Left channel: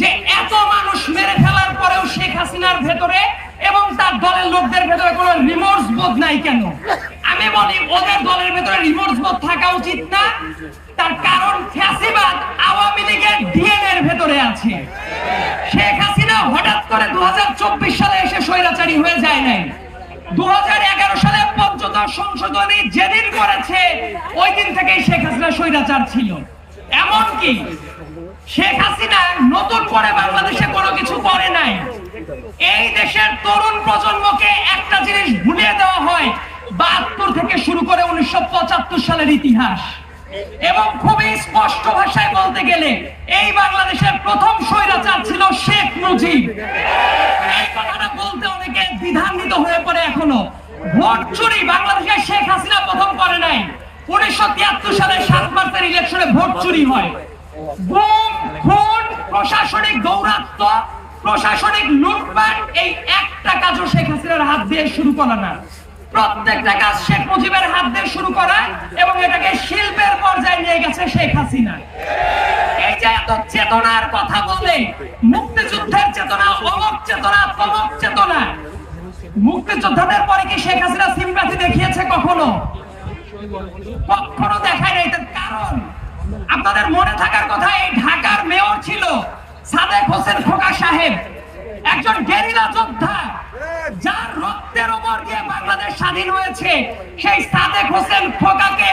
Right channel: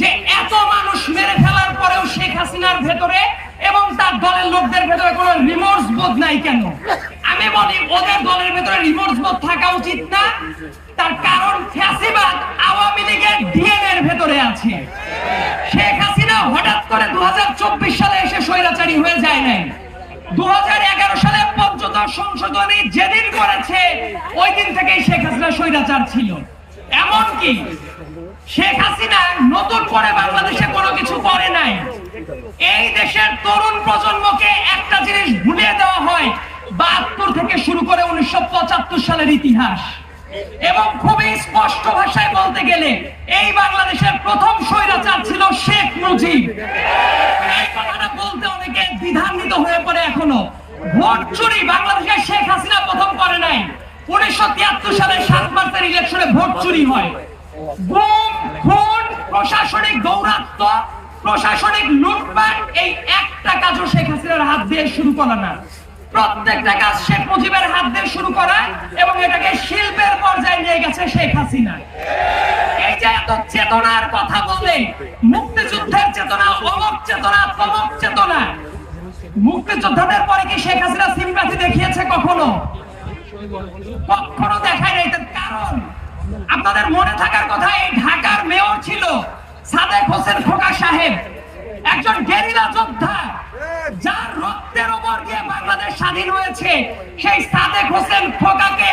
যে এত মানুষ মেরে ফেলার পরেও শেখ হাসিনার ভেতরে এবং তার দলের লোকদের ভেতরে কোনো রিমোর্স বোধ নাই কেন? আমি বলি, ওদের দলের ভেতরে রিমোর্স বোধ থাকা উচিত না। তার কারণ ফ্যাসিবাদ আওয়ামী লীগের ডিএনএ এর ভেতরে আছে। শেখ হাসিনা হঠাৎ করে দু হাজার চব্বিশ সালে এসে স্বৈরাচারী হয়ে যায় নাই। দু সালে পঞ্চদশ সংশোধনী যেদিন করেছে, ওই দিন থেকেই শেখ হাসিনা স্বৈরাচার ছিল। এমনকি শেখ হাসিনা নতুন করে বাংলাদেশে কোনো কিছু করে নাই। এই দেশের তরুণ প্রজন্মকে একটা জিনিস ভুলিয়ে দেওয়া হয়, বাহাত্তর থেকে শুরু করে উনিশশো সালের ইতিহাস। এবং খুবই স্পষ্ট ভাষায় বলতে গেলে, এই বাংলাদেশের প্রথম স্বৈরাচার ছিল শেখ মুজিব। বলতে অনেকে দ্বিধান্বিত হয়ে পড়ে এখনও। ভোট চুরি বাংলাদেশে শেখ হাসিনা প্রথম করে নাই। উনিশশো তিয়াত্তর সালে সাত মার্চের ইলেকশনে ভোট চুরি হয়। প্রশাসনিক দৌরাত্ম প্রশাসনিক লুটপাট, এই একটা কাজও শেখ হাসিনার হাত দিয়ে শুরু করা না। প্রত্যেকটা কাজ শেখ মুজিবের হাত দিয়ে শুরু এবং এটাকে শিল্পের পর্যায়ে নিয়ে গেছে শেখ হাসিনা। এই যে এত চেতনার কথা বললে, মুক্তিযুদ্ধের চেতনা অমক চেতনা চেতনা। মুক্তিযোদ্ধাদের পরে কি শেখ হাসিনা সিম্পাথি দেখিয়েছে কখনো? কখনো দেখায় নাই তার কারণ। আপনাদের মনে থাকার কথা, এই ঢাকার মেয়র ছিল। সাদেক হোসেন খোকা সাহেব, একজন গেরিলা যোদ্ধা, যার রক্তের ওপর দিয়ে বাংলাদেশ স্বাধীন হয়েছে, সেই সাদেক হোসেন খোকাকে